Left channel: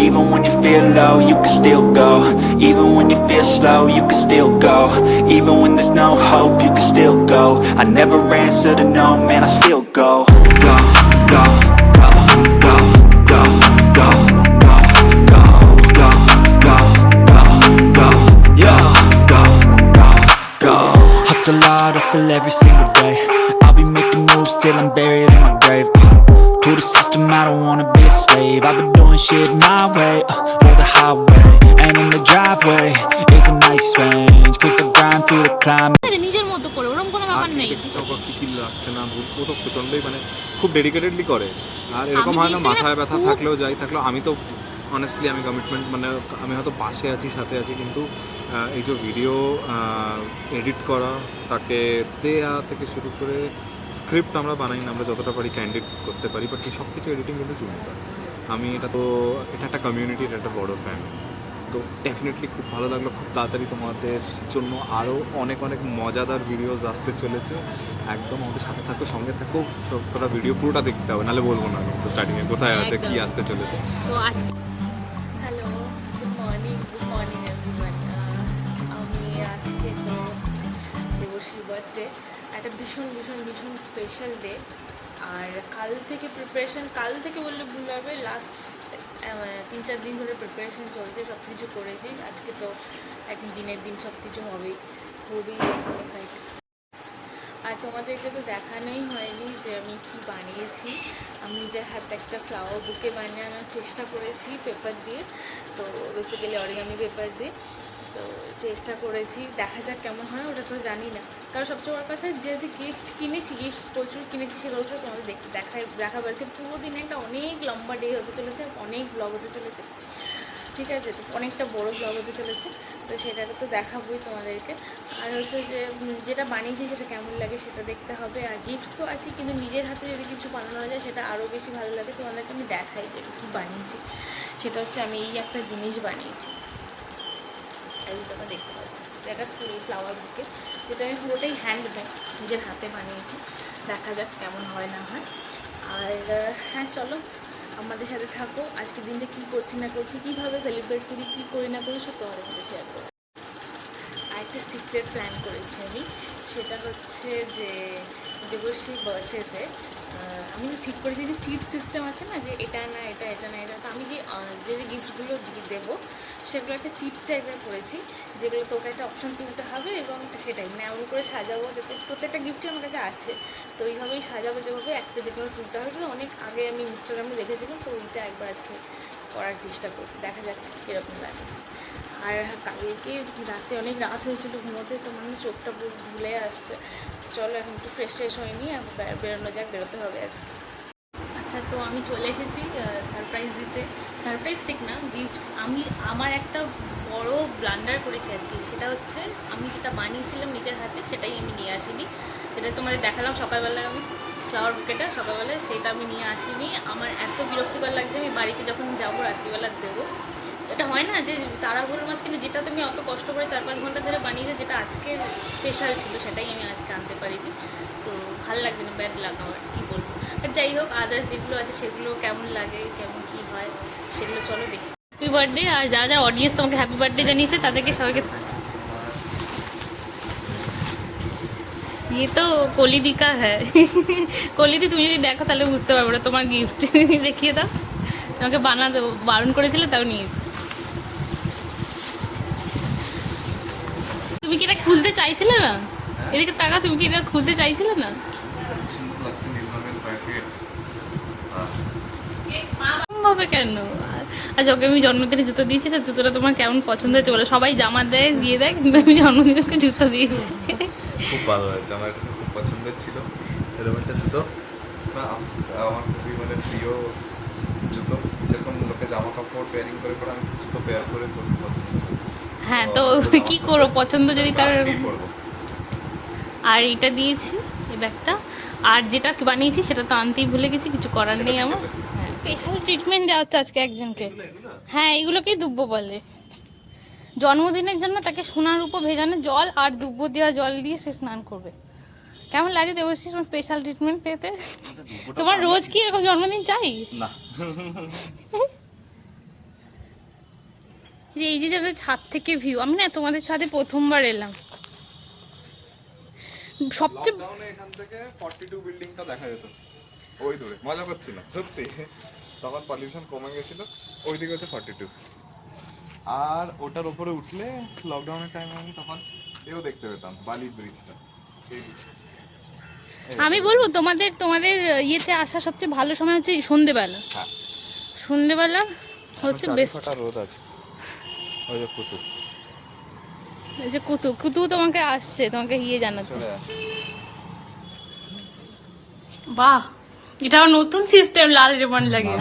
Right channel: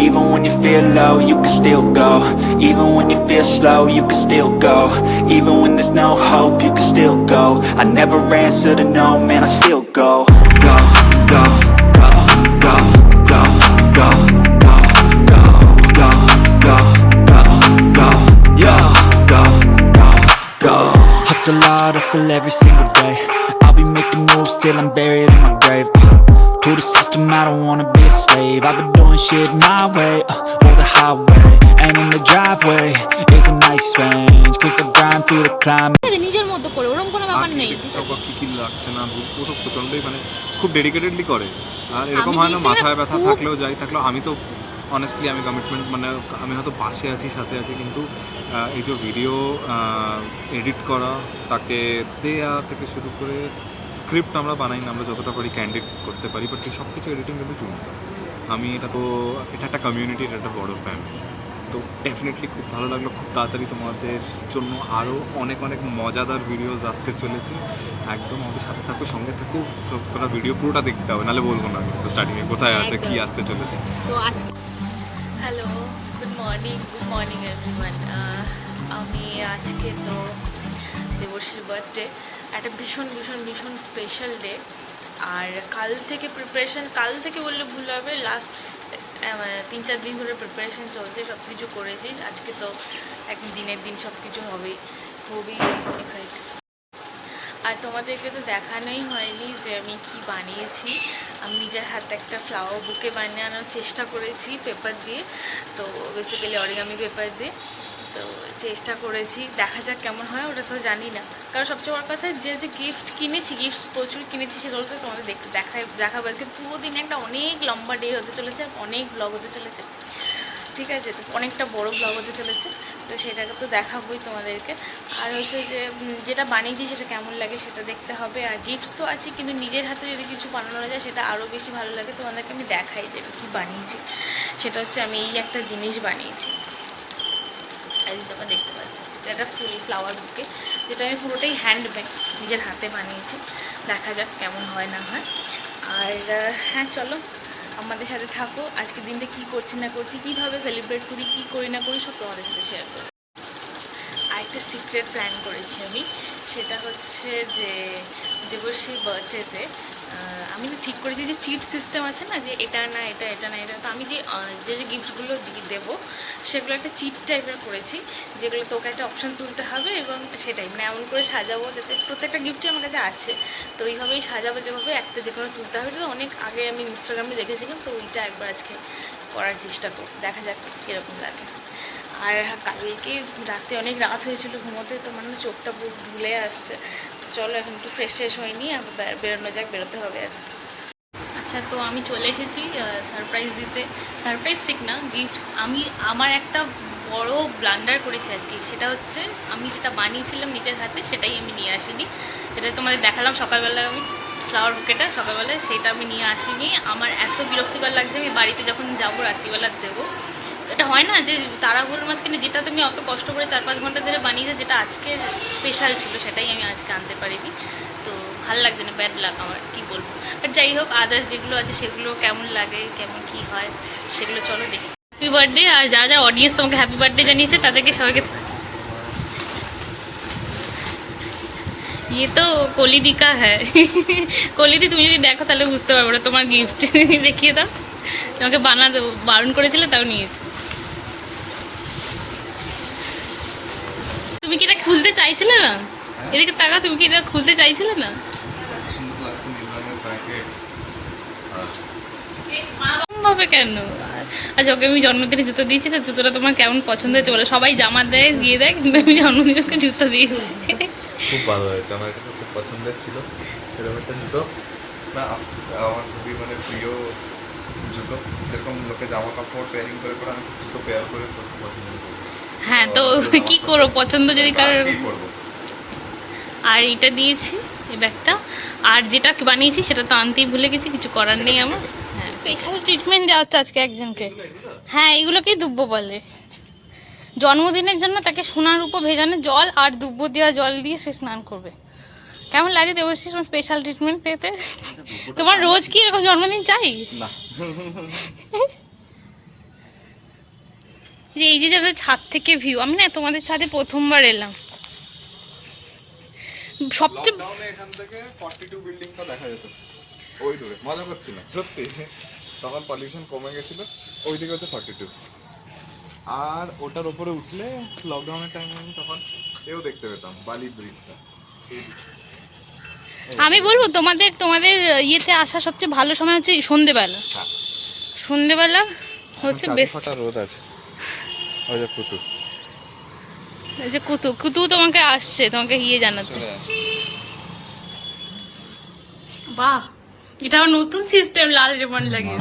Even when you feel low, you can still go. Even when you feel slow, you can still go. Even when there's no hope, you can still go. I never answer to no, man, I still go. Go, go, go, go, go, go, go, go, go, go, go, go, yo, go, go, go. Hustle hard, hustle every single day. I'll be making moves till I'm buried in my grave. To the system, I don't wanna be a slave. I've been doing shit my way, or the highway. And in the driveway is a nice range. Cause I grind through the climb. নিজের মতো করে ওরকম কোনো ব্যাপার নেই। কি লাগছে না ও তো প্রচন্ডই মানে খুব ডেডিকেটেডলি করে। আর এরকম হয় না মাথায় ব্যথা থাকলেও থাকলেও আমি তো অনেস্টলি আমি কমিটমেন্ট মানে আমি হয়তো পাশে আছি সাথে আছি কিন্তু এই যে ভিডিও এডিট করা তাকে দেয়া থেকে শুরু করে স্ক্রিপ্ট আমরা বানাই না, আমরা যতটা পারি ক্যান্ডিড করতে পারি, বাট সব কিছু এডিটিং কিন্তু চুনটা। আমি এটা একটা কমিউনিটি, এটা একটা বড় ফ্যামিলি। তো ডেফিনেটলি খুব ভালো লাগলো। খুব তাড়াতাড়ি তোমাদের জন্য আরও অনেক অনেক মজাদার ভিডিওস আসতে চলেছে। একদম আমাদের সাথে থাকো, সঙ্গে থাকো, সবকটা ভিডিও পুরোটা দেখতে হবে, নাহলে বলবো না তো স্টার্টিংয়ে কোথায় আছে কি আসতে চলেছে। তো আজকে হ্যালো, গুড মর্নিং এভরিওয়ান। আমি আজকে তো দেবশ্রীর বার্থডে, একটা ভীষণ ভীষণ ভীষণ স্পেশাল ডে। আর কাল থেকে প্রিপারেশান, কাল থেকে বললে ভুল হবে, লাস্ট 3-4 দিন ধরে প্রিপারেশান চলছে, সব কিছু করেছি। আজকে তো একদিন দিনের দিন সব কিছু হবেই, খুবই এক্সাইটেড। আর তোমাদেরকে তো দেখানোই হয়নি যে আমি কি বানিয়েছি। আমি নিজের হাতে একটা ফ্লাওয়ার বুকে বানানোর চেষ্টা করেছি পেপার দিয়ে, তো বেসিক্যালি অরিগামি পেপার দিয়ে। তো চেষ্টা করেছি, দেখা যাক কেমন হয়, ওটা তো জানি না। কারণ সবচেয়ে বড় কথা যে গিফট কিনেছি, গিফট প্রচুর কিনেছি, সেগুলো তো তোমাদের দেখাবো। আজকে পুরো দিন একটা অনেক লম্বা ডে হতে চলেছে, অনেক ব্লগ হতে চলেছে, ঠিক আছে? তো অনেকটা বড় ব্লগ হতে চলেছে, তো সেটাকে তো দেখাবোই তোমাদেরকে। আর হচ্ছে যে যেটা বানিয়েছি সেটা কেমন লাগে সেটা দেখতে হবে। আর গিফটস তো আছে, কিন্তু নিজের হাতে যদি কিছু বানানো যায় সেটা আরও বেশি ভালো লাগে। তোমাদেরকে আমি দেখাই যে আমি কী বানিয়েছি। সেটা হচ্ছে আমি এই একটা জিনিস বানিয়েছি, এই তোমরা দেখতে পাচ্ছ, এটা ফুল ফ্লাওয়ার বুকে, যেটা আমি পুরোটাই হ্যান্ডমেড নিজের হাতে বানিয়েছি। দেখা যাক কেমন হয় না হয়। আর হ্যাঁ, চলো আমাদের সাথে থাকো। আজকে দিনটা কী করছি না করছি, কীভাবে সেলিব্রেট করি, কী করি না করি, সব তোমাদের সাথে শেয়ার করি। আর একটা সিক্রেট প্ল্যান করেছি আমি, সেটা হচ্ছে যে দেবশ্রীর বার্থডেতে আমি না ঠিক করেছি যে চিট সিস্টেম আছে না, যে এটা না এটা, এটা না এটা। তো আমি যে গিফটসগুলো দেবো সেগুলো একটা চিট টাইপের করেছি, যেগুলো তোকে একটা অপশান তুলতে হবে, এবং সেটাই মানে এমন করে সাজাবো যাতে প্রত্যেকটা গিফটই আমার কাছে আছে, তো এইভাবেই সাজাবো যেভাবে একটা যে কোনো তুলতে হবে। তো অনেক আগে আমি ইনস্টাগ্রামে দেখেছিলাম, তো ওইটা একবার আজকে করার চেষ্টা করব, দেখা যাক কীরকম লাগে। আর কালকে রাতে অনেক রাত হয়েছিল ঘুমোতে, তো মানে চোখটা পুরো ভুলে আসছে। চলো এখন একটু ফ্রেশ হয়নি, আবার বেরোনো যাক, বেরোতে হবে আজকে। আচ্ছা, তো আমি চলে এসেছি সারপ্রাইজ দিতে। সারপ্রাইজ ঠিক না, গিফটস। আমি আমার একটা বড় ব্লান্ডার করেছি আজকে, সেটা হচ্ছে আমি যেটা বানিয়েছিলাম নিজের হাতে সেটাই আমি নিয়ে আসিনি। সেটা তোমাদের দেখালাম সকালবেলায়, আমি ফ্লাওয়ার বুকেটা সকালবেলায়, সেটা আমি নিয়ে আসিনি। আমার এত বিরক্তিকর লাগছে, আমি বাড়িতে যখন যাবো রাত্রিবেলা দেবো। এটা হয় না যে তাড়াহুড়োর মাঝখানে যেটা তুমি অত কষ্ট করে 4-5 ঘন্টা ধরে বানিয়েছে, যেটা আজকের স্পেশাল ছিল, সেটাই আমি আজকে আনতে পারিনি। তো ভালো লাগছে না, ব্যাড লাগ আমার, কী বলবো। বাট যাই হোক, আদার্স যেগুলো আছে সেগুলো কেমন লাগে, কেমন কী হয়, সেগুলো চলো দেখি। Happy birthday. আর যারা যারা অডিয়েন্স তোমাকে হ্যাপি বার্থডে জানিয়েছে তাদেরকে সবাইকে। ये तो कोलिदी का है। কোলিদি তুমি যদি দেখো তাহলে বুঝতে পারবো না তোমার গিফট। দেখিয়ে দাও, তোমাকে বানাতে বারণ করেছিলে তাও নিয়েছি। তুমি কি এটা খুলতে চাইছিলে না? এদিকে টাকা, তুমি কি এটা খুলতে চাইছিলে না? ভাবে কেন? আচ্ছা, ওকে আমি জন্মদিনে জুতো দিয়েছি, না জুতোটা তোমার কেমন পছন্দ হয়েছে বলে? সবাই জামা দেয়, দিয়ে দেয়, কিন্তু আমি জন্মদিনে ওকে জুতো দিয়েছি। খুব ভালো হয়েছে, আমার এটা খুব পছন্দের ছিল এরকম একটা জুতো। না, আমার খুবই মানে প্রিয় জুতো, যেরকম লোকে জামা কাপড় পেয়ারিং করে করে আমি জুতো পেয়ার করে খুব পছন্দ করি। হ্যাঁ, তো কি করবো, পছন্দ যদি কারোর। আর এটা দিয়েছি, এই ব্যাগটা। আর যেটা বানিয়েছি সেটা তো আনতেই ভুলে গেছি, কিছু করার নেই আমার। হ্যাঁ, স্পেশাল ট্রিটমেন্ট দেওয়া হচ্ছে আজকে একজনকে। হ্যাঁ, এইগুলোকেই দুব্বো বলে। জন্মদিনের জন্য তাকে সোনার রূপো ভেজানো জল আর দুব্বো দেওয়া জল দিয়ে সে স্নান করবে। কেমন লাগে দেবশ্রী তোমার স্পেশাল ট্রিটমেন্ট পেতে? তোমার রোজ কি এরকম জন্মদিন চাই? না, যে এই যে যাদের ছাদ থেকে ভিউ, আমি না তোমাদের ছাদে প্রথমবার এলাম। সবচেয়ে লকডাউনে এখান থেকে 42 বিল্ডিংটা দেখা যেত ওই দূরে, মজা করছি না সত্যি, তখন পলিউশন কমে গেছিল, ওই দিকে হচ্ছে 42, আর ওটার উপরে উঠলে লকডাউনের টাইমে আমি তখন এও দেখতে পেতাম বালি ব্রিজটা। আমি বলবো তোমাদের তোমাদের ইয়েতে আসা সবচেয়ে ভালো সময় হচ্ছে সন্ধেবেলা। হ্যাঁ। সন্ধেবেলা হচ্ছে বেস্ট। রোদ আছে, ওই যে কুতু, এই যে কুতু কুতু তোমাকে আসছে তোমাকে ইয়ে জানাতে। বাহ, এটা আমার নতুন সিস্টেম, লাল রিবন লাগিয়ে।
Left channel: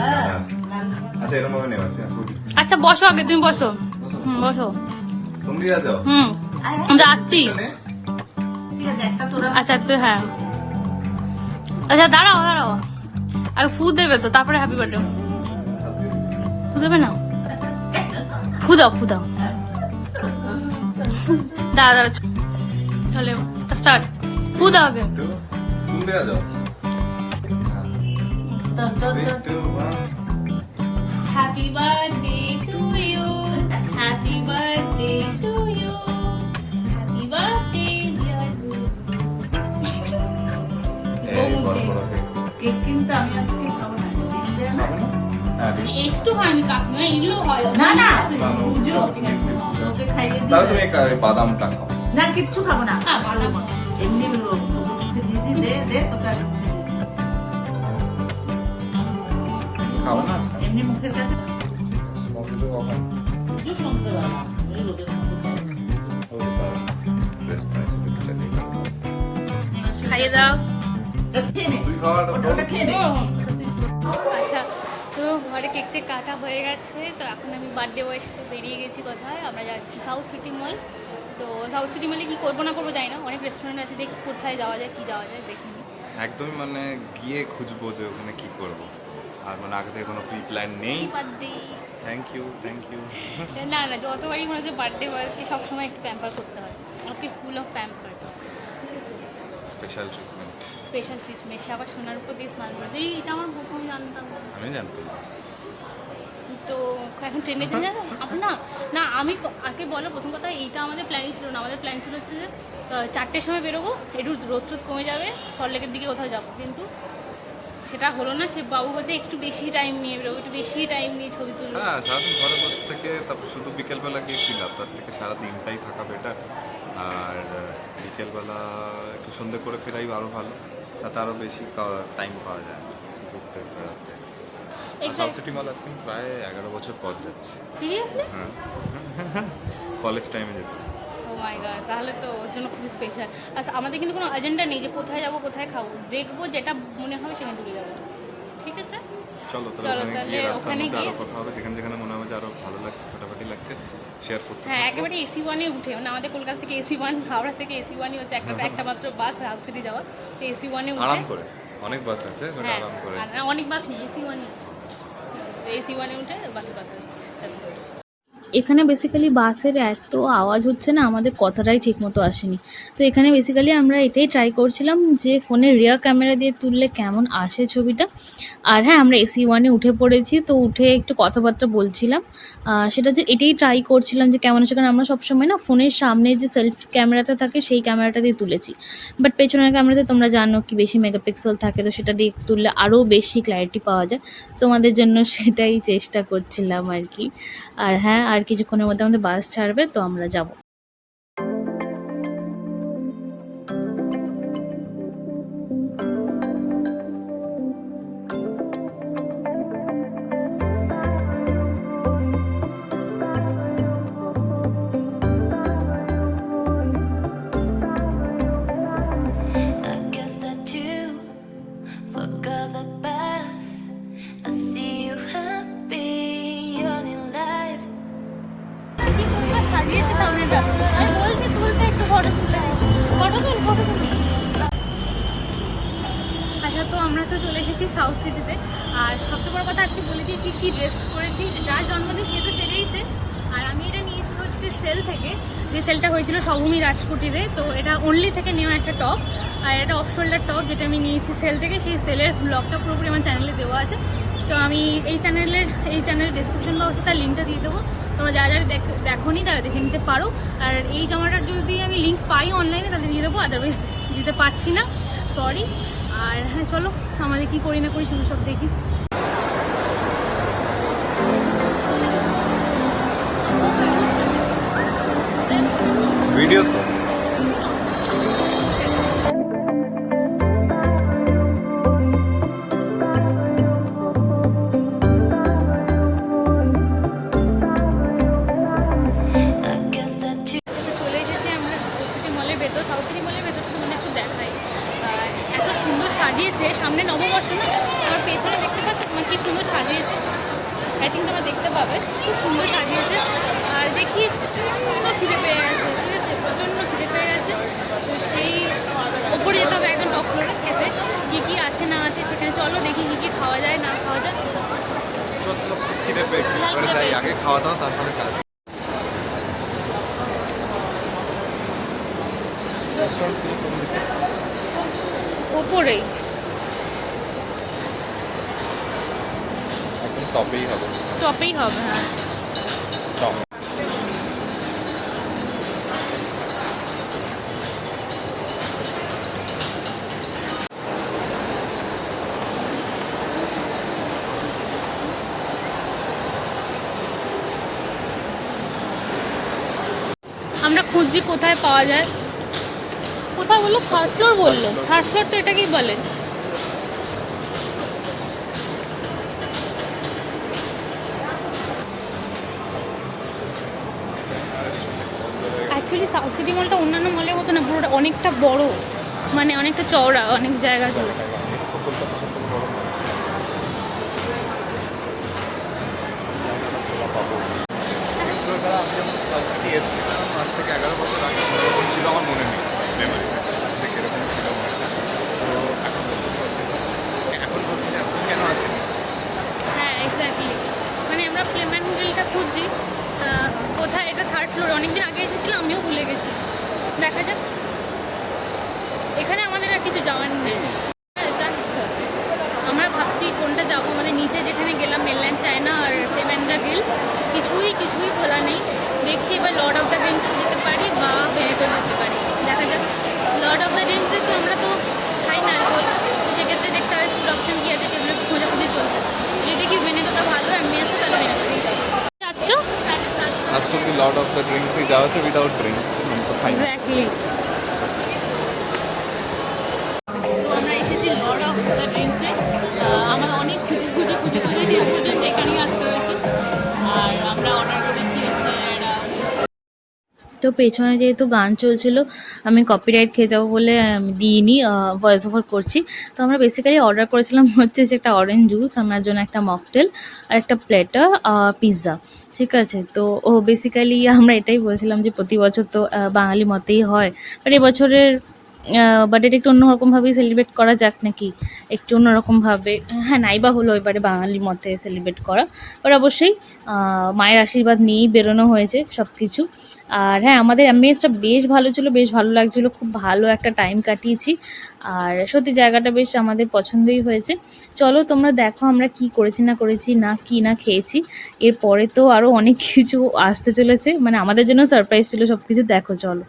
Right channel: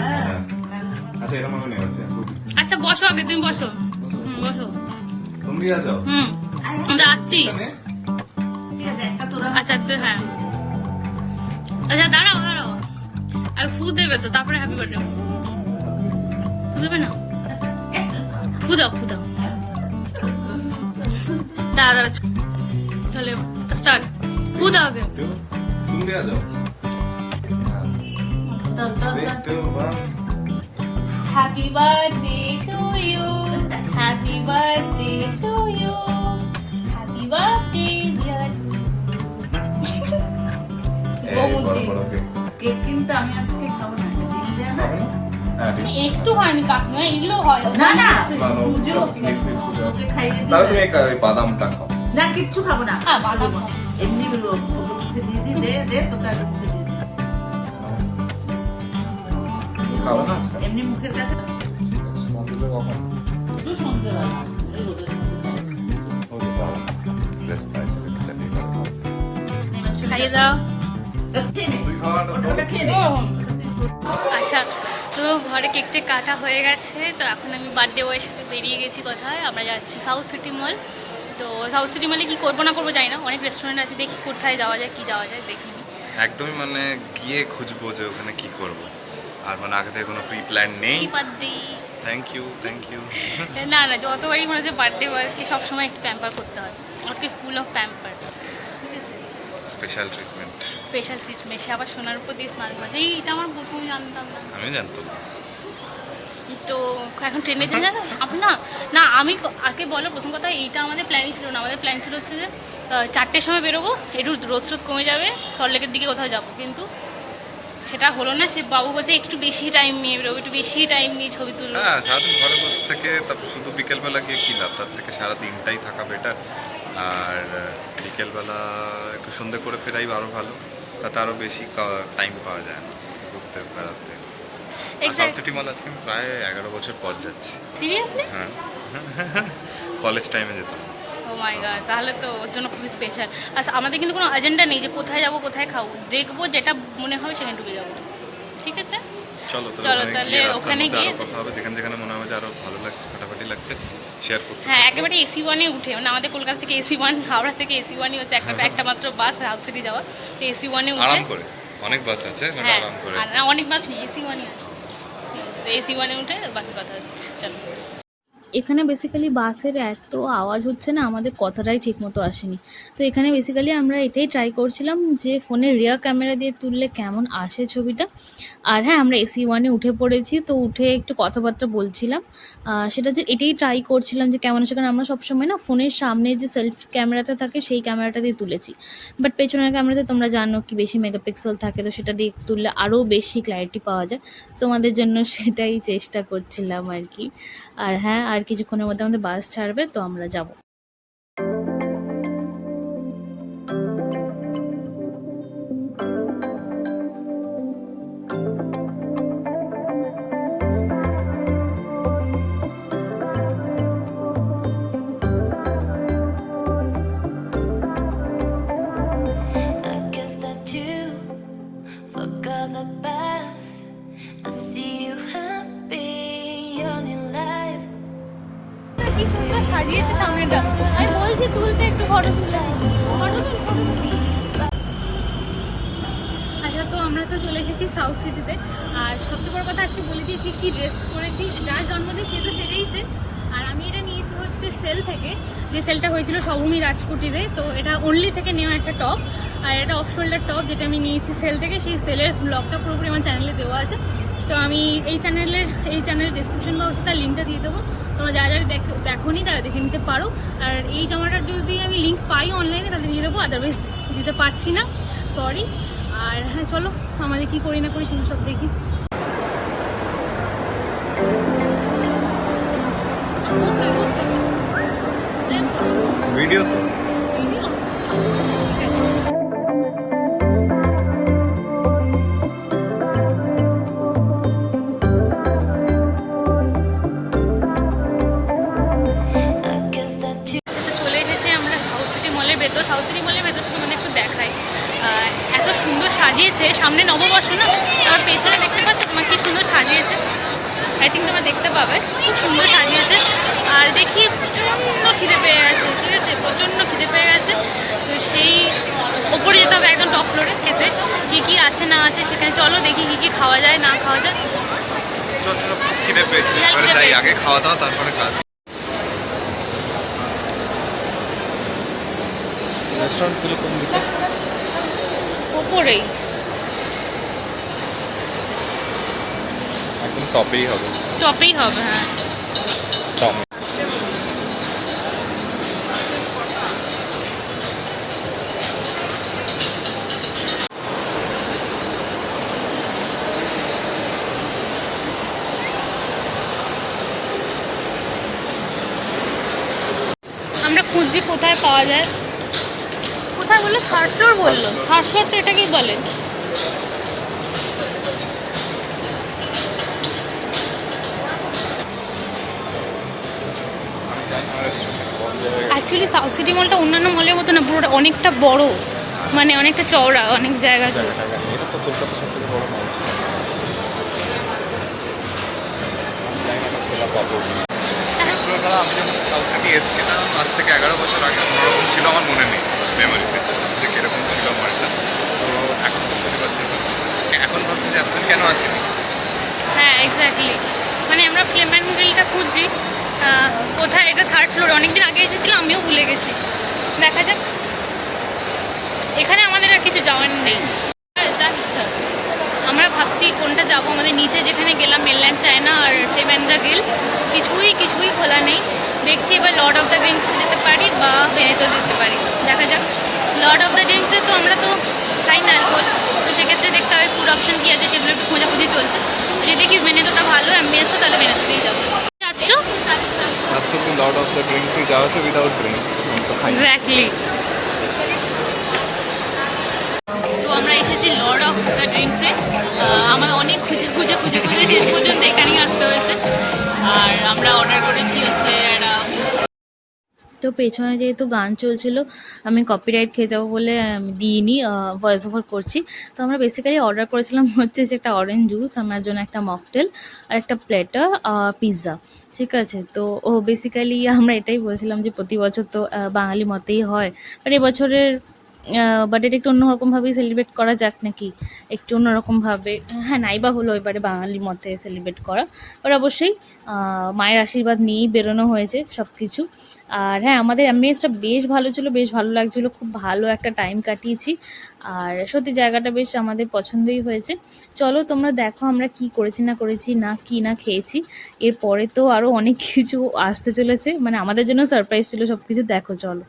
আচ্ছা এরকম ভাবে নেওয়া আছে। আচ্ছা বসো, আগে তুমি বসো। বসো। তুমি যাও। আমরা আসছি। আচ্ছা তো হ্যাঁ, আচ্ছা দাঁড়াও দাঁড়াও, আর ফু দেবে তো, তারপরে হ্যাপি বার্থডে। ফু দেবে না? ফু দাও ফু দাও। দাঁড়া দাঁড়া, তাহলে স্টার্ট। ফু দাও আগে। তুমি যাও। Happy birthday to you, happy birthday to you, happy birthday dear Gomuji. Cake কিন্তু আমি আজকে খাবো না। একটু হয়নি কাকিমা, এগুলো হয় না না পুজো ওকে খাইয়ে দিই। তাহলে তুমি এই বাদামটা খাও। না কিচ্ছু খাবো না, হ্যাঁ বাদাম। এমনি ওকে দিয়ে দিই, দে দে তোকে আর মুখে দিয়ে দিই। খাও না এমনি মুখের কাছে একটু সুন্দর হয়। এই রোদের খাইয়ে দাও। খেয়ে নে, তুই খাওয়া ওটা খেয়ে নে। আচ্ছা, তো ঘরে কেকটা কাটা হয়ে গেছে, তো এখন আমি বার্থডে বয়ের সাথে বেরিয়ে গেছি কোথায়, আমরা যাচ্ছি সাউথ সিটি মল। তো সাউথ সিটি মলে কী করবো না করবো জানি না, অনেক রেস্টুরেন্ট আছে, দেখি কোথায় যাওয়া যায় কি যাওয়া যায় দেখিনি। একদমই মানে গিয়ে খুঁজবো যে ওখানে কি করব, আর মানে আগে থেকে কোনো প্রি প্ল্যান নেই। Happy birthday. Thank you thank you. না না, যতবারই মনে হচ্ছে বার্থডে বয়কে সবসময় একটু প্যাম্পার করতে হয়, আজকে ফুল অফ প্যাম্পার। ঠিক আছে, স্পেশাল ট্রিটমেন্ট। Special treatment. সে আবার সোনার উপর দিয়ে স্নান করে, এইটা আমার প্রথম জানতাম না। আমি জানতাম। তো এখন ট্রেনে চলে যাবে আপনি? না না, আমি আগে বলো, প্রথম কথা এইটা আমাদের প্ল্যানই ছিল না। আমাদের প্ল্যান ছিল হচ্ছে যে 4টের সময় বেরোবো, একটু রোদ রোদ কমে যাবে, সল্টলেকের দিকে কোথাও যাবো, কিন্তু সেটা হলো না। সে বাবু বলছে একটু বেশি টাইম নিয়ে বেরোবো, একটু বেশি টাইম নিয়ে ছবি তুলবো। হ্যাঁ, সারাদিন ঘরে বসে থেকে তারপর শুধু বিকেলবেলা গিয়ে কী লাভ, তার থেকে সারা দিনটাই থাকা বেটার। আর বিকেলবেলা একটু সন্ধে করে ফেরাই আরও ভালো, তাতে আরও বেশি টাইম পাওয়া যায় না ঘুরতে বেড়াতে। সাউথ সিটি মল আজকে আমি প্রায় 11 বছর পর যাচ্ছি। সিরিয়াসলি? হ্যাঁ, কলেজ টাইমে যেতাম। ও মাই গড, তাহলে তো ওর জন্য খুবই স্পেশাল। আচ্ছা, আমাদের কিন্তু কোনো এজেন্ডা নেই যে কোথায় যাবো কোথায় খাবো, দেখবো যেটা মনে হবে সেখানে ঢুকে যাবো। ঠিক আছে, চলো তাহলে ওখানে গিয়ে কথা হবে, যেখানে যেখানে মনে হবে যে আরো ভালো লাগছে, ফাটাফাটি লাগছে, শেয়ার করতে। হ্যাঁ, একেবারে AC1-এ উঠে, মানে আমাদের কলকাতা থেকে AC1, হাওড়া থেকে AC1-ই হচ্ছে একটা মাত্র বাস সাউথ সিটি যাওয়ার। তো AC1-এ উঠে আরাম করে, অনেক বাস আছে, বাট হ্যাঁ, আরাম করে। আর না অনেক বাস নেই, AC1-ই আছে। AC1-এ উঠে বাকি কথা হচ্ছে। চলো, এখানে বেসিক্যালি বাসের এত আওয়াজ হচ্ছে না, আমাদের কথাটাই ঠিকমতো আসেনি। তো এখানে বেসিক্যালি আমরা এটাই ট্রাই করছিলাম যে ফোনের রিয়ার ক্যামেরা দিয়ে তুললে কেমন আসে ছবিটা। আর হ্যাঁ, আমরা AC1-এ উঠে পড়েছি, তো উঠে একটু কথাবার্তা বলছিলাম, সেটা যে এটাই ট্রাই করছিলাম যে কেমন আছে, কারণ আমরা সবসময় না ফোনের সামনে যে সেলফি ক্যামেরাটা থাকে সেই ক্যামেরাটা দিয়ে তুলেছি, বাট পেছনের ক্যামেরাতে তোমরা জানো কি বেশি মেগাপিক্সেল থাকে, তো সেটা দিয়ে তুললে আরও বেশি ক্ল্যারিটি পাওয়া যায়। তোমাদের জন্য সেটাই চেষ্টা করছিলাম আর কি। আর হ্যাঁ, আর কিছুক্ষণের মধ্যে আমাদের বাস ছাড়বে, তো আমরা যাব। I guess that you forgot the past. I see you happy on your life. আচ্ছা, তো আমরা তো চলে এসেছি সাউথ সিটিতে। আর সবচেয়ে বড় কথা আজকে বলে দিয়েছি কি ড্রেস পরেছি, যার জন্মদিন সে তো সেটাইছে। আর আমি এটা নিয়েছি হচ্ছে সেল থেকে, যে সেলটা হয়েছিল সবভূমি রাজকুটিরে। তো এটা অনলি থেকে নেওয়া একটা টপ, আর এটা অফ শোল্ডার টপ যেটা আমি নিয়েছি সেল থেকে। সেই সেলের ব্লগটা পুরোপুরি আমার চ্যানেলে দেওয়া আছে, তো আমি এই চ্যানেলের ডিসক্রিপশন বক্সে তার লিঙ্কটা দিয়ে দেবো, তোমরা যারা যারা দেখোনি তারা দেখে নিতে পারো। আর এই জামাটার যদি আমি লিঙ্ক পাই অনলাইনে তাহলে দিয়ে দেবো, আদারওয়াইজ দিতে পারছি না, সরি। আর হ্যাঁ চলো আমাদের কি করি না করি সেগুলো সব দেখি। ভিডিও তো I guess that you তো চলে এসেছি আমরা সাউথ সিটি মলের ভেতর। সাউথ সিটি মলের ভেতরটা তোমাদের একটু দেখাই। এত সুন্দর সাজিয়েছে, সামনে নববর্ষ না, আমার পেছনে দেখতে পাচ্ছ তোমার কি সুন্দর সাজিয়েছে, আই থিঙ্ক তোমরা দেখতে পাবে, খুব সুন্দর সাজিয়েছে। আর দেখি প্রচণ্ড খিদে পেয়ে গেছে, ঠিক আছে, প্রচণ্ড খিদে পেয়ে গেছে। তো সেই ওপরে যেতে হবে একদম টপ ফ্লোরে খেতে, কী কী আছে না আছে সেখানে চলো দেখি কী কী খাওয়া যায় না খাওয়া যায়। খিদে পেয়েছি, খিদে এবারে যাই, পেয়েছে। আগে খাওয়া দাওয়া তারপরে কাজ। রেস্টুরেন্টগুলো কোন দিকে? ওপরেই একদম টপেই হবে। টপেই হবে, হ্যাঁ। টপ। আমরা খুঁজছি কোথায় পাওয়া যায়, কোথায় বললো, থার্ড ফ্লোর বললো, থার্ড ফ্লোর তো এটাকেই বলে। অ্যাকচুয়ালি সাউথ সিটি মলটা অন্যান্য মলের মতো না, পুরোটা অনেকটা বড়, মানে অনেকটা চওড়া, অনেক জায়গা জুড়ে। আমি যখন সাউথ সিটি এসেছিলাম আজ থেকে 11 বছর আগে, অন্যরকম ছিল, আমার মনে নেই মেমোরিতে যে কীরকম ছিল মলটা। তো এখন বুঝতে পারছি, এখন ভাবছি যে এতদিন কেন আসেনি। হ্যাঁ এক্স্যাক্টলি, মানে আমরা ফ্লেম অ্যান্ড গ্রিলটা খুঁজছি, কোথায়, এটা থার্ড ফ্লোর, অনেকদিন আগে এসেছিলাম, আমিও ভুলে গেছি, দেখা যাক। এখানে আমাদের আর কিছু যাওয়ার নেই, আচ্ছা আমরা ভাবছি কোনটা যাবো, আমাদের নিচে যেখানে গেলাম মেনল্যান্ড চায়না আর ফ্লেম অ্যান্ড দ্য গ্রিল, কিছুই খোলা নেই। দেখছি এবার লর্ড অফ দ্য রিংস যেতে পারি বা ভেনেতো যেতে পারি, দেখা যাক। লর্ড অফ দ্য রিংসে তো আমরা তো খাই না অ্যালকোহল, তো সেক্ষেত্রে দেখতে হবে ফুড অপশন কী আছে, সেগুলো একটু খোঁজাখুঁজি চলছে। যদি দেখি ভেনেতোটা ভালো অ্যাম্বিয়েন্সও, তাহলে ভেনেতোতেই যাবো। যাচ্ছ? আজকে তো লর্ড অফ দ্য ড্রিঙ্কসই যাওয়া হচ্ছে, উইদাউট ড্রিঙ্কস আমি তো খাই। এক্স্যাক্টলি। তো আমরা এসেছি লর্ড অফ দ্য ড্রিঙ্কসে, আমাদের অনেক খুঁজে শেষ পর্যন্ত এখানেই আসতে হয়েছে। আর আমরা অর্ডার করেছি হচ্ছে একটা, তো পেছনে যেহেতু গান চলছিল আমি কপিরাইট খেয়ে যাবো বলে দিইনি, ভয়েস ওভার করছি। তো আমরা বেসিক্যালি অর্ডার করেছিলাম হচ্ছে যে একটা অরেঞ্জ জুস, আমার জন্য একটা মকটেল আর একটা প্লেটার পিৎজা, ঠিক আছে। তো বেসিক্যালি আমরা এটাই বলছিলাম যে প্রতি বছর তো বাঙালি মতেই হয়, বাট এবছরের বাট এটা একটু অন্যরকমভাবেই সেলিব্রেট করা যাক নাকি, একটু অন্যরকমভাবে, হ্যাঁ নাইবা হলো এবারে বাঙালির মতে সেলিব্রেট করা, বাট অবশ্যই মায়ের আশীর্বাদ নিয়েই বেরোনো হয়েছে সব কিছু। আর হ্যাঁ আমাদের অ্যাম্বিয়েন্সটা বেশ ভালো ছিল, বেশ ভালো লাগছিলো, খুব ভালো একটা টাইম কাটিয়েছি। আর সত্যি জায়গাটা বেশ আমাদের পছন্দই হয়েছে। চলো তোমরা দেখো আমরা কি করেছি না খেয়েছি, এরপরে তো আরও অনেক কিছু আসতে চলেছে, মানে আমাদের জন্য সারপ্রাইজ ছিল সব কিছু, দেখো চলো।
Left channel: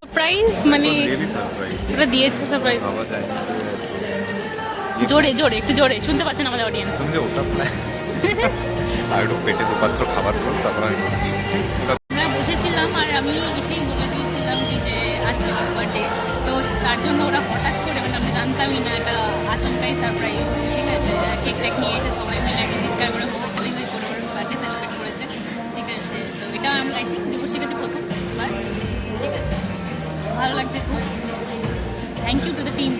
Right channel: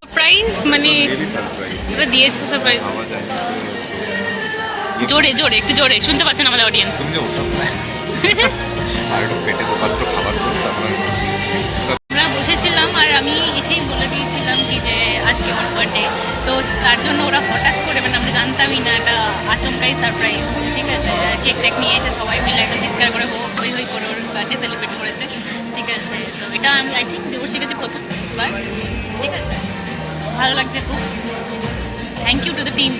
সারপ্রাইজ মানে ওটা দিয়েছে সারপ্রাইজ, জোরে একটু জোরে শুনতে পাচ্ছেন আমাদের অডিয়েন্স। তুমি যে ওটা আর একটু পেটে দোপাত্র খাবার তো তারপর আমরা বসেছিলাম আর আমি এসেই বলে দিয়েছিলাম কি যে আজকে ওর বার্থডে, তো তার জন্য ওরা হঠাৎ করে, মানে আমরা জানতামই না, একটা আচমকাই সারপ্রাইজ, ঠিক আছে, কেক টেক নিয়ে এসে সবাই মিলে একদম চিৎকার করে হই হই করে ওর বার্থডে সেলিব্রেট করেছে, ঠিক আছে। তো এটা আমি আই থিঙ্ক দেবশ্রীর কাছে প্রথমবার, ঠিক আছে, ভালো লাগছে খুব। Thank you to the team.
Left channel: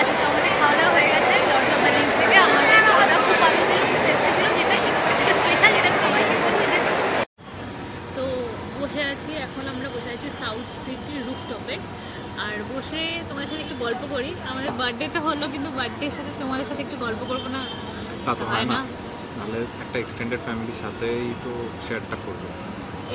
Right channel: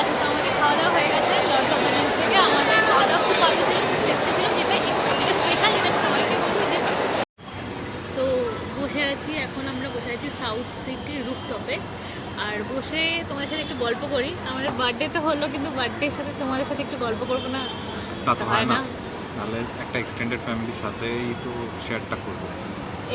আচ্ছা, তো আমাদের খাওয়া দাওয়া হয়ে গেছে লর্ডস অফ দ্য রিংস থেকে। আমাদের খাওয়া দাওয়া খুব ভালো ছিল, খুব টেস্টি ছিল, যেটা স্পেশাল, যেটা আমি সবাইকে বলি। তো বসে আছি, এখন আমরা বসে আছি সাউথ সিটির রুফটপে, আর বসে তোমাদের সাথে একটু গল্প করি। আমাদের বার্থডে তো হলো, কিন্তু বার্থডের সাথে তোমাদের সাথে একটু গল্প করবো না? তা তো হয় না, তাহলে একটা এক্সটেন্ডেড ফ্যামিলির সাথেই তো শেয়ারটা করবো।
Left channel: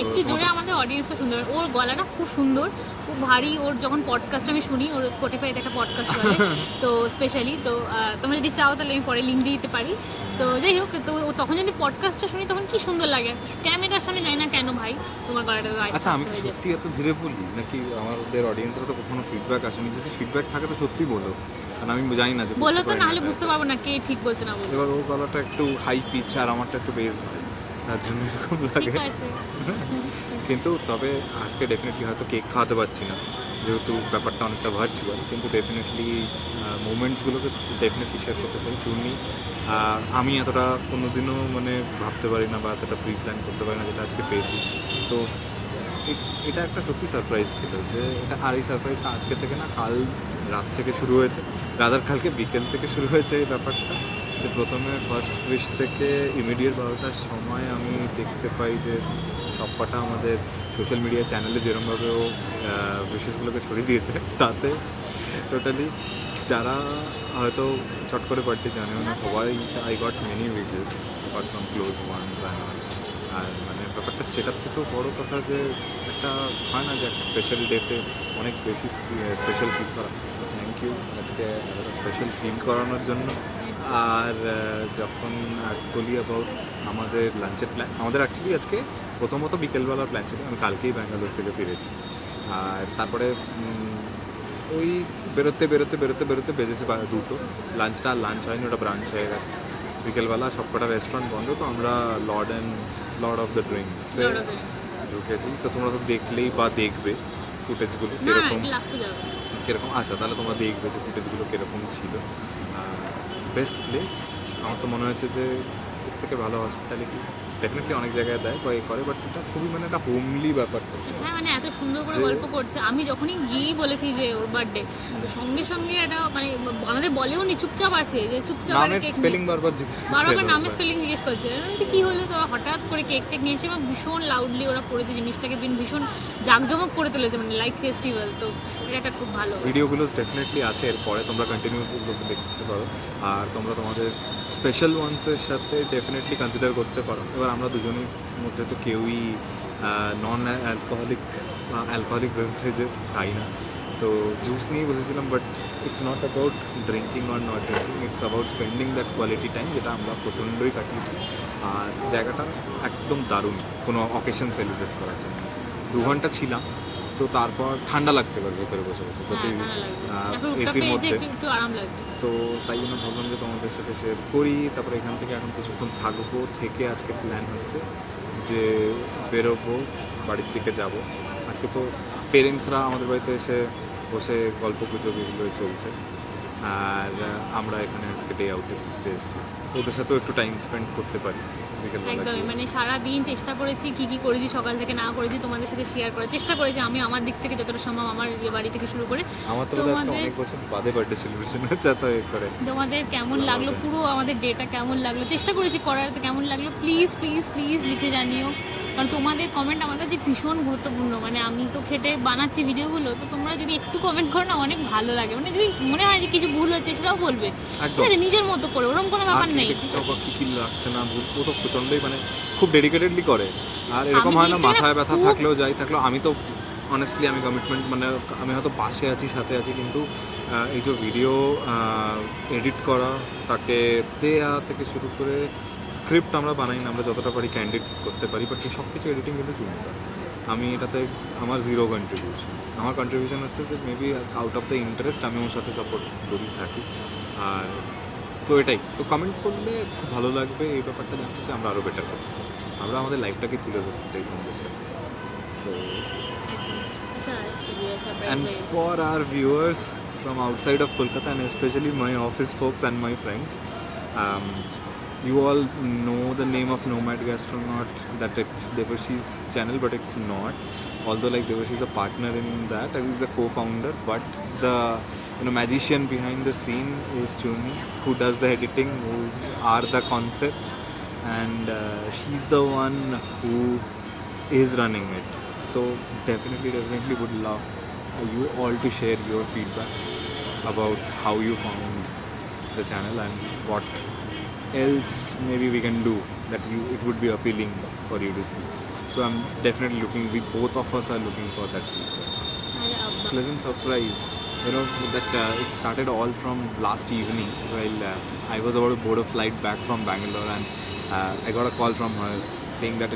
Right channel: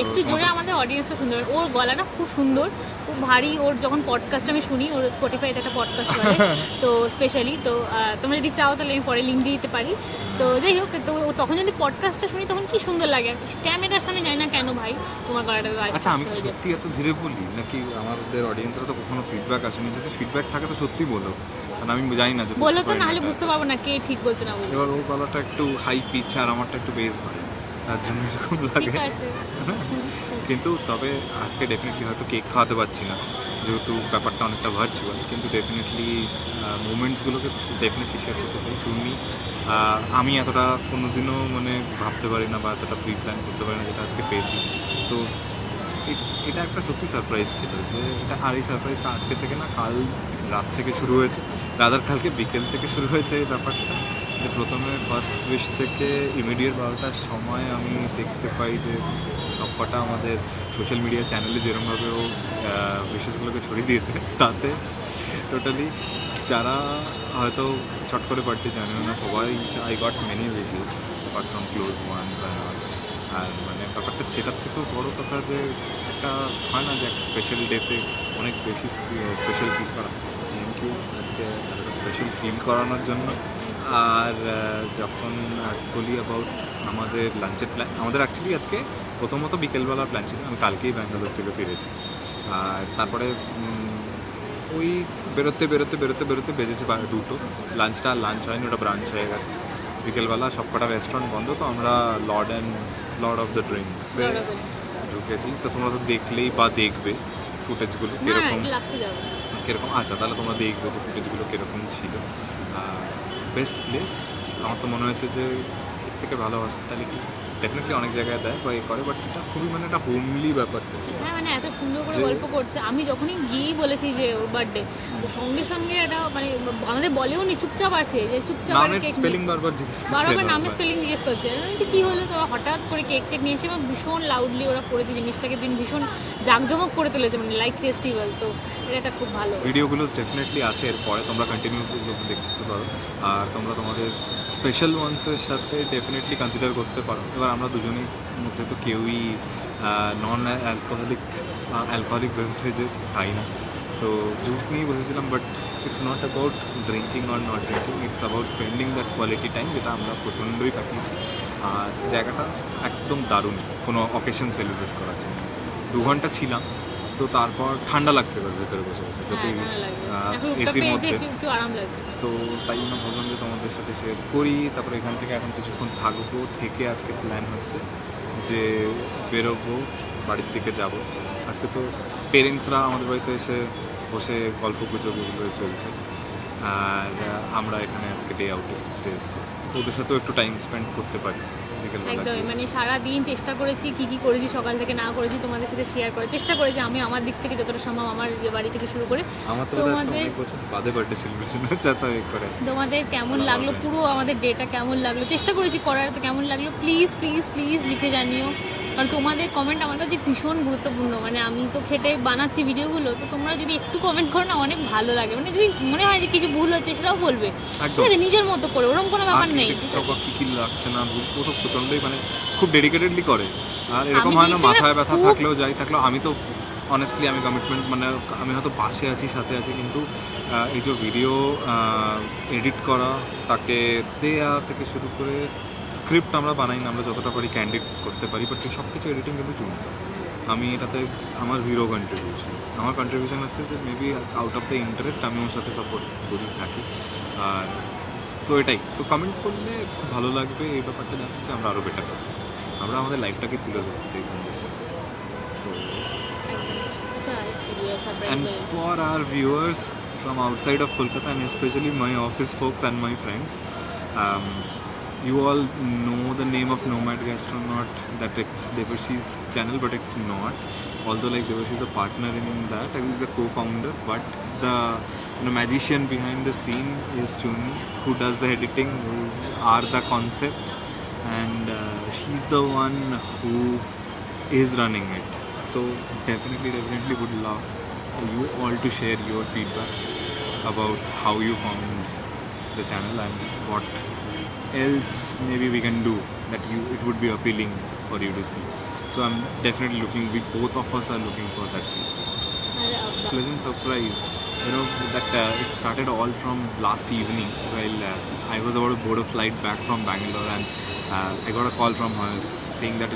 একটু জোরে, আমাদের অডিয়েন্সটা শুনতে পারে। ওর গলাটা খুব সুন্দর, খুব ভারী। ওর যখন পডকাস্ট আমি শুনি, ওর স্পটিফাইতে একটা পডকাস্ট হয় তো স্পেশালি, তো তোমরা যদি চাও তাহলে আমি পরে লিঙ্ক দিয়ে দিতে পারি। তো যাই হোক, তো তখন যদি পডকাস্টটা শুনি তখন কি সুন্দর লাগে। ক্যামেরার সামনে জানি না কেন ভাই তোমার গলাটা। আচ্ছা, আমি কি সত্যি এত ধীরে বলি নাকি? আমাদের অডিয়েন্সরা তো কখনো ফিডব্যাক আসেনি, যদি ফিডব্যাক থাকে তো সত্যি বলো, কারণ আমি জানি না যে বলো তো, না হলে বুঝতে পারবো না কে ঠিক বলছে না বলছে। এবার ওর গলাটা একটু হাই পিচ আর আমারটা একটু বেস ভাই, তার জন্য এরকম লাগে। ঠিক আছে। কিন্তু তবে আজকে ডেফিনেটলি হয়তো কেক খাওয়াতে পারছি না, যেহেতু ব্যাপারটা অনেকটা ভার্চুয়াল, কিন্তু ডেফিনেটলি মুমেন্টসগুলোকে ডেফিনেটলি শেয়ার করতে চাই। চূর্ণি, আমি এতটা কোনোদিনও মানে ভাবতে পারি না বা এতটা প্রি প্ল্যান করতে পারি না যেটা আজকে পেয়েছি। তো এটা একটা সত্যি সারপ্রাইজ ছিল যে এটা, আর এই সারপ্রাইজটা আজকে থেকে না, কাল রাত থেকে শুরু হয়েছে, রাদার কালকে বিকেল থেকে শুরু হয়েছে এই ব্যাপারটা। যে প্রথমে ফার্স্ট উইশ থেকে ইমিডিয়েট 12টার সময় আমি দেখতে পাই যে সবকটা আমাদের সোশ্যাল মিডিয়া চ্যানেলে যেরকমভাবে ও উইশেসগুলোকে ছড়িয়ে দিয়েছে, তাতে টোটালি যারা হয়তো চট করে বার্থডে জানেও না, সবাই I got many wishes apart from close ones and all. আর মানে ব্যাপারটা সেটার থেকেও বড় কথা যে একটা হয় না যে একটা স্পেশাল ডেতে অনেক বেশি স্পেশাল ফিল করা। থ্যাংক ইউ আজকে এতটা স্পেশাল ফিল করানোর জন্য। আর যখন বলি অ্যাবাউট আমাদের লাঞ্চের প্ল্যান, আমাদের অ্যাকচুয়ালি আজকে প্রথমত বিকেলবেলার প্ল্যান ছিল, আমি কালকেই ব্যাঙ্গালোর থেকে ফিরেছি। আর তারপরে ওই বেরোতে বেজেছে 2টো। লাঞ্চ হয়নি, ওটা ব্রাঞ্চ হয়ে গেছে। বিকেলবেলা সবকটা রেস্টুরেন্ট বন্ধ, তো আমরা লর্ড অফ দ্য ড্রিঙ্কসে ঢুকেছি। তো তোমরা তো দেখলেই বা দেখবে ফুটেজগুলো কীরকম। আচ্ছা, তাহলে তোমরা দেখবে যে ফুটেজগুলো কীরকম ছিল। বেস্ট প্লেস আমার তো মনে হয়েছে যে এর থেকে ভালো হসপিটালিটি ডেফিনেটলি অনেক জায়গায় দেয় বা করে, বাট এটা খুবই মানে একটা হোমলি ব্যাপারটা ছিল। হ্যাঁ, মানে এত সুন্দর করে গল্প করছে। আমি যখনই গিয়েই বলেছি যে ওর বার্থডে, তো সঙ্গে সঙ্গে এটা মানে আমাদের বলেও নি, চুপচাপ আছে যে চুপচাপ নামের স্পেলিং বারবার জিজ্ঞেস করছে, বারবার নামের স্পেলিং জিজ্ঞেস করছে। আমি কি হলো, তো হঠাৎ করে কেক টেক নিয়ে এসে ভীষণ লাউডলি ওরা করেছে জিনিসটাকে, ভীষণ জাঁকজমক করে তুলেছে, মানে লাইক ফেস্টিভ্যাল। তো এটা একটা খুব ভালো ভিডিওগুলো ডেফিনেটলি আছে, এরপরে তোমরা কন্টিনিউগুলোকে দেখতে পারো। আর তোমরা তোমাদের স্পেশাল ওয়ান্সের সাথে ডেফিনেটলি কনসিডার করতে পারো। এবার আমরা দুজনের মধ্যে তো কেউই নন অ্যালকোহলিক বেভারেজেস খাই না, তো জুস নিয়েই বসেছিলাম, but it's not about drinking or not drinking, it's about spending that quality time, যেটা আমরা প্রচণ্ডই কাটিয়েছি। আর জায়গাটা একদম দারুণ কোনো অকেশন সেলিব্রেট করার জন্য। 2 ঘন্টা ছিলাম, তো তারপর ঠান্ডা লাগছে ঘর ভেতরে বসে বসে, যতই এসির মধ্যে, একটু আরাম লাগছে। তো তাই জন্য ভাবলাম যে তোমাদের সাথে শেয়ার করি। তারপরে এখান থেকে এখন কিছুক্ষণ থাকবো, থেকে আজকে প্ল্যান হচ্ছে যে বেরোবো, বাড়ির দিকে যাব। আজকে তো পেরেন্টসরা আমাদের বাড়িতে এসে বসে গল্প গুজব এগুলোই চলছে, আর আমরা এখানে আজকে ডে আউটে ঘুরতে এসেছি, তো ওদের সাথেও একটু টাইম স্পেন্ড করতে পারি বিকেলবেলা একদমই, গিয়ে। মানে সারাদিন চেষ্টা করেছি কি কি করেছি সকাল থেকে না করেছি তোমাদের সাথে শেয়ার করার চেষ্টা করেছি আমি আমার দিক থেকে যতটা সম্ভব, আমার যে বাড়ি থেকে শুরু করে। আমার তো বোধহয় আজকে তোমাদের- অনেক বছর বাদে বার্থডে সেলিব্রেশন হচ্ছে, তো এ করে তোমাদের কেমন লাগলো, পুরো আমাদের ডেটা কেমন লাগলো, চেষ্টা করেছি করার, তো কেমন লাগলো প্লিজ প্লিজ প্লিজ লিখে জানিও। কারণ তোমাদের কমেন্ট আমার কাছে ভীষণ গুরুত্বপূর্ণ। মানে আমি তো খেটে বানাচ্ছি ভিডিওগুলো, তো তোমরা যদি একটু কমেন্ট করো না অনেক ভালো লাগে। মানে যদি মনে হয় যে কিছু ভুল হচ্ছে সেটাও বলবে, একদম। ঠিক আছে, নিজের মতো করে, ওরকম কোনো ব্যাপার নেই। কি কি লাগছে না, ও তো প্রচণ্ডই মানে খুব ডেডিকেটেডলি করে। আর এরকম আমি হয় না জিনিসটা মাথায় ব্যথা খুব- থাকলেও আমি তো অনেস্টলি আমি কমিটমেন্ট মানে আমি হয়তো পাশে আছি, সাথে আছি, কিন্তু এই যে ভিডিও এডিট করা, তাকে দেয়া থেকে শুরু করে স্ক্রিপ্ট আমরা বানাই না, আমরা যতটা পারি ক্যান্ডিড করতে পারি, বাট সব কিছু এডিটিং কিন্তু চুনটা। আমি এটাতে আমার 0 কন্ট্রিবিউশন। আমার কন্ট্রিবিউশন হচ্ছে যে maybe out of the interest আমি ওর সাথে সাপোর্ট করি থাকি। আর তো এটাই তো, কমেন্ট করলে খুব ভালো লাগবে এই ব্যাপারটা জানতে, যে আমরা আরও বেটার করতে চাই, আমরা আমাদের লাইফটাকে তুলে ধরতে চাই তোমাদের সাথে। তো and for our viewers from outside of Kolkata, and especially my office folks and my friends, you all know the name of Nomad Gastronaut, that it's Devarshi's channel, but it's not. Although like Devarshi's a partner in that, I was a co-founder, but the magician behind the scene is Chuni, who does the editing, who are the concepts, and she's the one who is running it. So definitely would love you all to share your feedback about how you found the channel and what else maybe we can do that it would be appealing for you to see. So I'm definitely we both of us are looking for that feedback. Pleasant surprise, that it started all from last evening while I was about to board a flight back from Bangalore, and I got a call from her saying that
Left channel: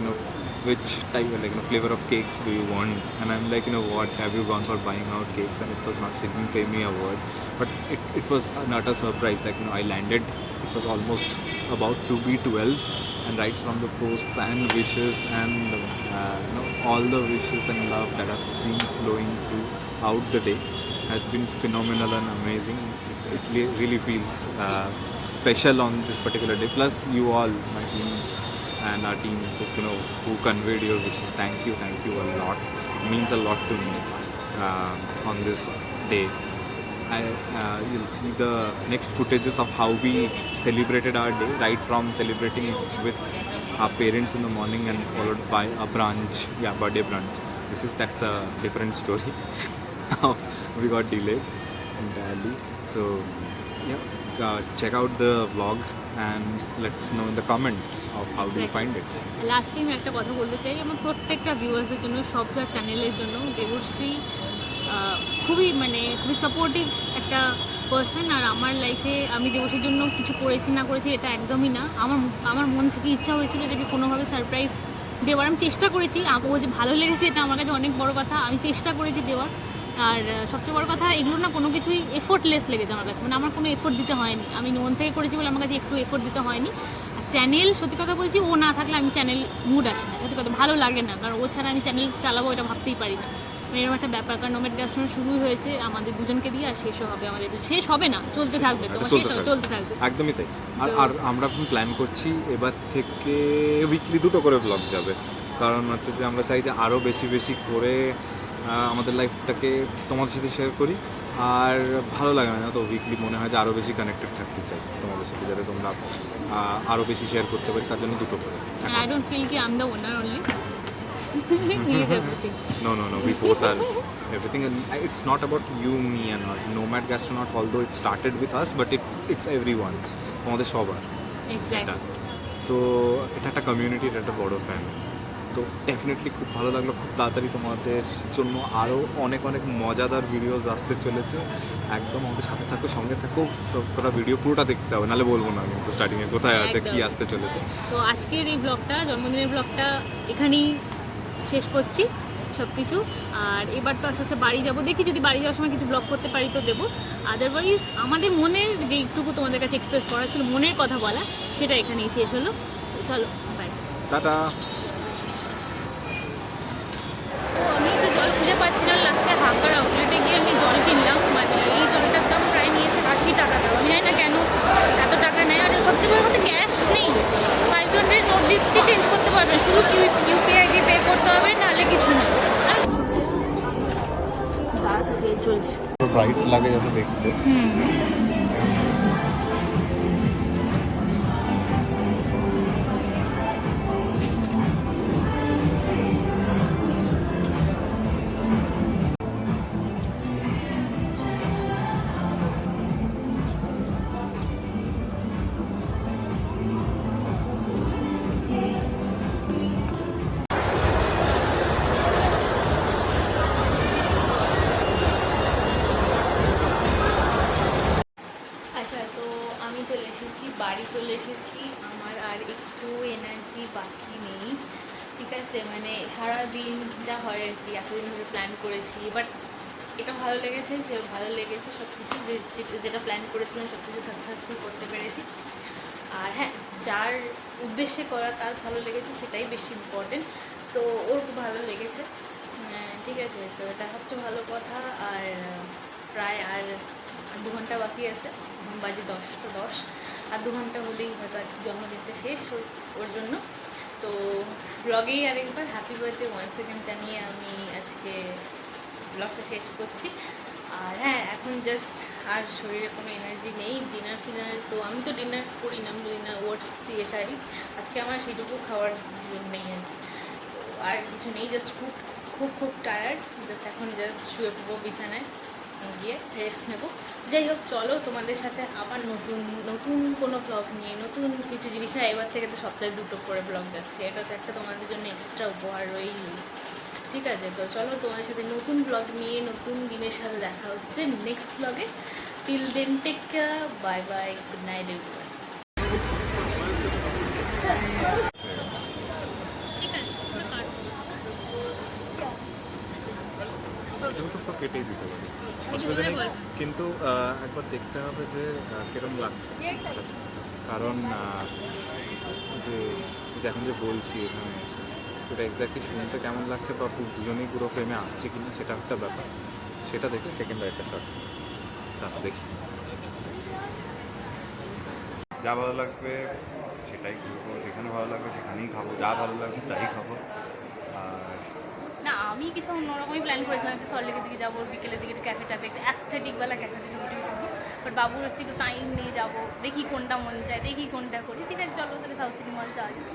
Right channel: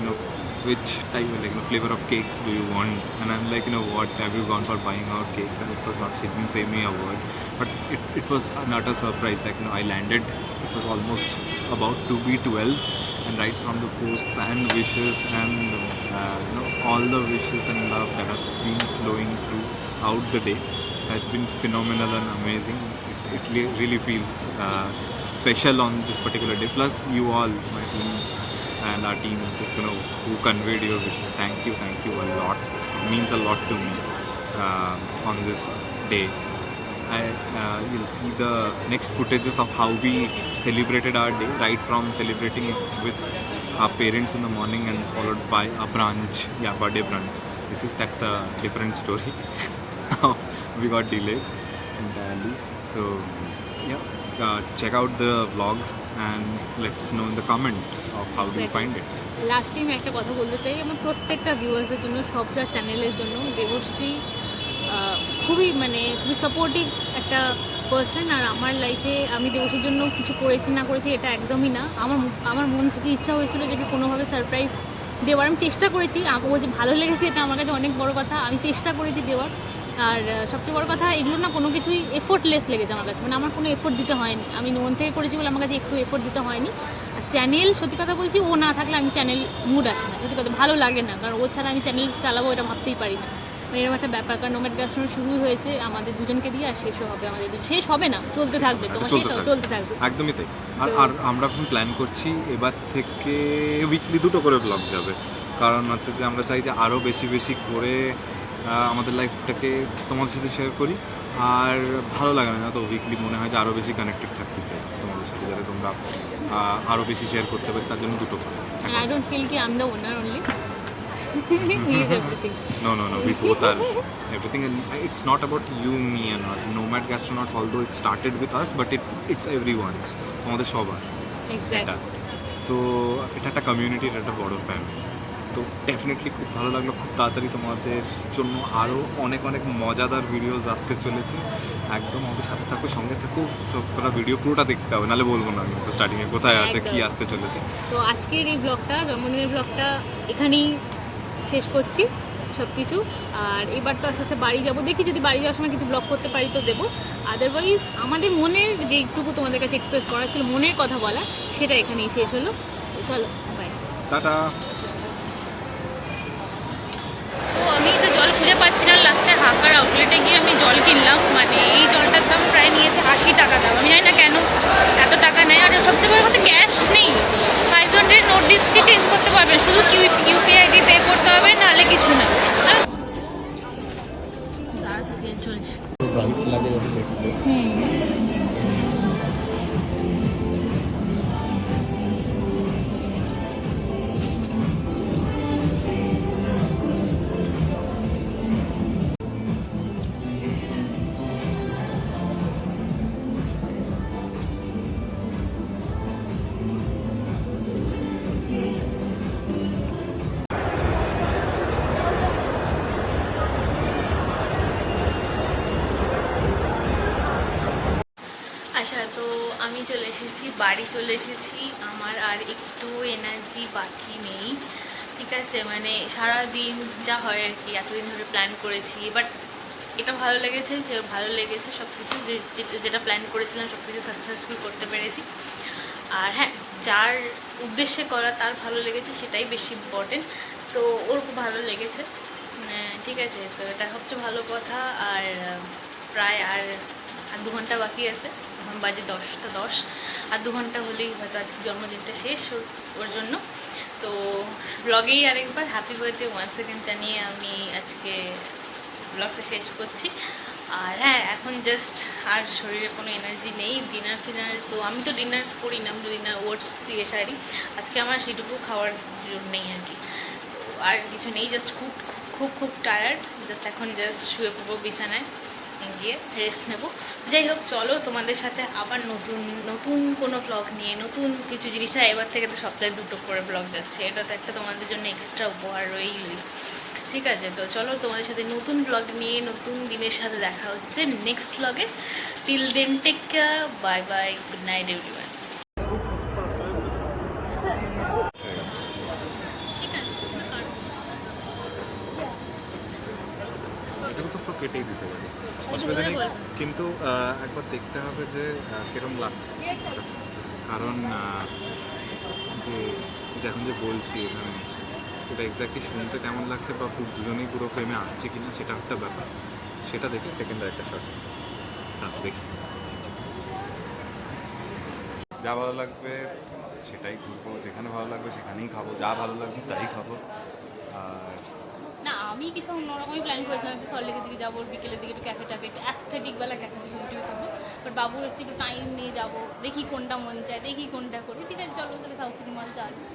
which type flavor of cakes do you want, and I'm like, what, have you gone for buying out cakes? And it was not, she didn't say me a word, but it was an utter surprise. Like I landed, it was almost about to be 12, and right from the posts and wishes and all the wishes and love that have been flowing throughout the day has been phenomenal and amazing. It really feels special on this particular day. Plus you all, my team and our team, who conveyed your wishes. Thank you a lot. It means a lot to me on this day. You'll see the next footages of how we celebrated our day, right from celebrating it with our parents in the morning and followed by a brunch, birthday brunch. That's a different story. We got delayed entirely. So check out the vlog and let's know in the comments of how do you find it. Lastly আমি একটা কথা বলতে চাই আমার প্রত্যেকটা ভিউয়ার্সদের জন্য, সবটা চ্যানেলের জন্য। দেবশ্রী খুবই সাপোর্টিভ একটা পার্সন, আর আমার লাইফে আমি দেবশ্রীর জন্য কিছু করেছি না করেছি এটা একদমই না। আমার মন থেকে ইচ্ছা হয়েছিল যদি কোনোভাবে সারপ্রাইজ দেওয়ার, আমি চেষ্টা করেছি। ও যে ভালো লেগেছে এটা আমার কাছে অনেক বড় কথা, আমি চেষ্টা করেছি দেওয়ার। আর সবচেয়ে বড় কথা, এগুলো না কোনো কিছুই এফোর্টলেস লেগেছে আমার কাছে, আমার কোনো এফোর্ট দিতে হয়নি। আমি মন থেকে করেছি বলে আমার কাছে একটু এফোর্ট দিতে হয়নি। আর চ্যানেল, সত্যি কথা বলছি, ও না থাকলে আমি চ্যানেল মুড আসে না, সত্যি কথা ভালো লাগে না, কারণ ও ছাড়া আমি চ্যানেল চালাবো এটা ভাবতেই পারি না। এরকম একটা ব্যাপার, কারণ নোম্যাড গ্যাস্ট্রোনট শুরু হয়েছে আমাদের দুজনকে দিয়ে, আর শেষও হবে আমাদের শেষ হবে না, চলতে থাকবে, তোমার চলতে থাকবে। একদমই তাই। আর আমরা এখন প্ল্যান করছি এবার থেকে উইকলি 2টো করে ব্লগ যাবে, কারণ হচ্ছে যে আমরা চাই যে আরও বেশি করে আমাদের লাইফটাকে তোমাদের সাথে শেয়ার করি। আর ভালো লাগে না তো উইকলি, মনে হয় যে আরও বেশি কানেক্টেড থাকতে চাই তোমাদের সাথে, যাতে তোমরা আরও বেশি শেয়ার করতে পারি, তার জন্য 2টো করে। I don't feel ki I'm the owner only. He is everything. No, we both are everything, and it's not about you, me, and not Nomad Gastronaut, although it started with us, but it's everyone's, আমাদের সবার। Exactly. তো এটা একটা community, এটা একটা বড় family. তো তো ডেফিনেটলি খুব ভালো লাগলো। খুব তাড়াতাড়ি তোমাদের জন্য আরও অনেক অনেক মজাদার ভিডিওস আসতে চলেছে। একদম আমাদের সাথে থাকো, সঙ্গে থাকো, সব কটা ভিডিও পুরোটা দেখতে হবে, নাহলে বলবো না কিন্তু স্টার্টিংয়ে কোথায় আছে, একদম। কি আসতে চলেছে। তো আজকের এই ব্লগটা, জন্মদিনের ব্লগটা এখানেই শেষ করছি সব কিছু। আর এবার তো আস্তে আস্তে বাড়ি যাবো, দেখি যদি বাড়ি যাওয়ার সময় কিছু ব্লগ করতে পারি তো দেবো। আদারওয়াইজ আমাদের মনের যেটুকু তোমাদের কাছে এক্সপ্রেস করা ছিল, মনের কথা বলা, সেটা এখানেই শেষ হলো। তো চলো বাই। টাটা। তো আমি তো জল খুঁজে পাচ্ছি না, লাস্টে হাকার আউটলেটে গিয়ে আমি জল কিনলাম। মানে এই জলটার দাম প্রায় নিয়েছে 80 টাকা দাম। আমি জানি না কেন এত টাকা নেয়। আর সবচেয়ে বড় কথা, ক্যাশ নেই। 500 নোট দিচ্ছি, চেঞ্জ করতে পারবেন, শুধু ইউপিআই দিয়ে পে করতে হবে, নাহলে কিছু না। চলছে ব্রাইট লাগে যাতে দেখতে। আচ্ছা, তো আমি চলে এসেছি, বাড়ি চলে এসেছি। আমার আর একটু এনার্জি বাকি নেই, ঠিক আছে। মানে সারা দিন যা হয় আর কি, এতদিন ধরে প্ল্যান করেছি, বাট এটা ভালো লেগেছে, যে ভালো লেগেছে সব কিছু, যেটা প্ল্যান করেছিলাম সব কিছু সাকসেসফুল করতে পেরেছি। আর হ্যাঁ, যার উদ্দেশ্যে করা তার ভালো লেগেছে, সেটাই বেশি ইম্পর্টেন্ট। তো ওর খুব ভালো লেগেছে, ঠিক আছে। তো এটা সবচেয়ে ভালো কথা। আর প্রায় আর 2 ঘন্টা বাকি আছে, এখন বাজে 10টা 10। আর 2 ঘন্টা হলেই হয়তো আজকে জন্মদিনটা শেষ ওর জন্য। তো ব্লগেই আরেকবার হ্যাপি বার্থডে ওয়ান সেকেন্ড জানিয়ে আমি আজকে ব্লগটা শেষ করছি। আর হ্যাঁ, এখন জাস্ট আর শরীরে কোনো এনার্জি নেই। ডিনার তো আমি তো ডিনার করি না, আমি ডিনার ওটস দিয়ে সারি। আজকে আমার সেটুকু খাওয়ার জন্য নেই আর কি। তো আর কিছু নেই, জাস্ট খুব খুব খুব টায়ার্ড। জাস্ট এখন জাস্ট শুয়ে পড়বো বিছানায় গিয়ে, রেস্ট নেব। যাই হোক, চলো তোমাদের সাথে আবার নতুন কোনো ব্লগ নিয়ে, নতুন কিছু জিনিস। এবার থেকে তো সপ্তাহে 2টো করে ব্লগ যাচ্ছে, এটা তো একটা তোমাদের জন্য এক্সট্রা উপহার রইলই, ঠিক আছে। তো চলো তোমাদের সাথে নতুন ব্লগ নিয়ে, নতুন দিনের সাথে দেখা হচ্ছে নেক্সট ব্লগে। Till then take care, bye bye, good night everyone. এটাকে তো কেটেই দিতে পারি, অসুবিধা নেই। কিন্তু একবার দেখতে হবে যে কিরম লাগছে, কারণ যে এখন যে বলছি এখানে এসে, এটা এক্স্যাক্টলি শুনতে কেমন লাগছে বা দুজনেই পুরো ফ্রেমে আসছে কিনা, সেটা একটা ব্যাপার। সেটা দেখে সেকেন্ড আরেকটা শট দেখি। যা ভালো লাগবে সেটাই করবো, যেখানে ভালো লাগবে সেখানেই খাবো, যা ভালো লাগবে তাই খাবো। আর না, আমি কিছু অন্যরকমই প্ল্যান করেছিলাম, একটু সল্টলেকের দিকে যাবো, বিকেলের দিকে একটু ক্যাফে ট্যাফে, একটু অ্যাস্থেটিকওয়ালা ক্যাফে ছবি টবি করবো। বাট বাবুর হচ্ছে একটু টাইম নিয়ে যাবো, দেখি কোনটা মন চায়, দেখি কোনটা করি। ঠিক আছে, চলো তাহলে সাউথ সিটি মল যাওয়া যায়।